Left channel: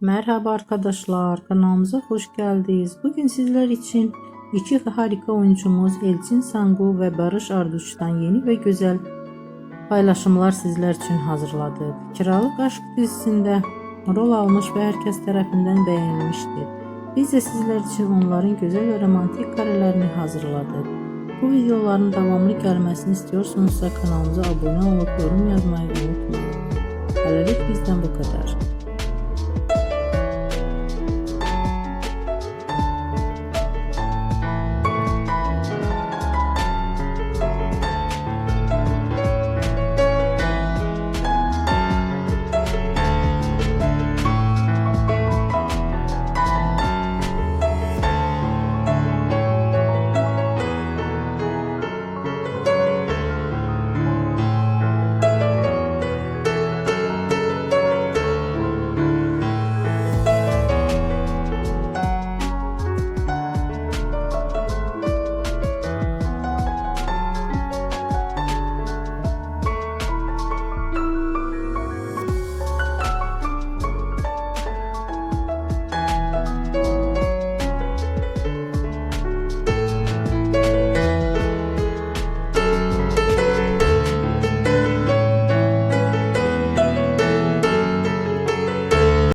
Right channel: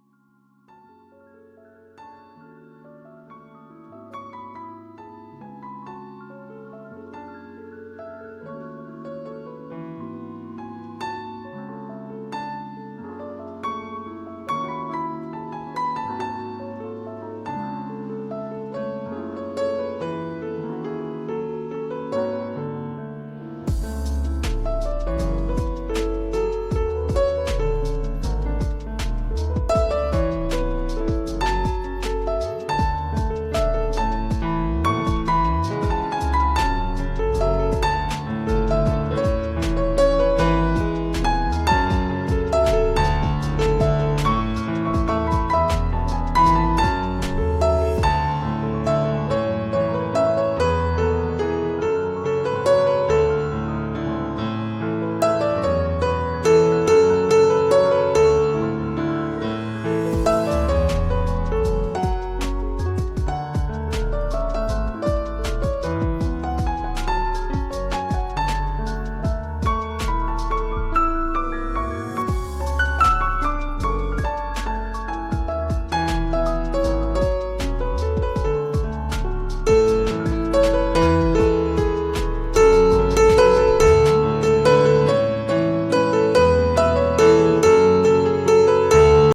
Merhaba arkadaşlar, kanalımıza hoş geldiniz. Bugün sizler için iki harika oyuncumuz Elçin Sangu ve Barış Arduç'tan yeni ve güzel paylaşımlar sizler için hazırladık. Kiralık Aşk dizisinde rol almış ve herkes tarafından beğenilmişti. Biz de sizler için onların güzel ve romantik karelerini hazırladık. Bu videoların devamlı gelmesini istiyorsanız kanalımıza abone olup yorum yazmayı unutmayın.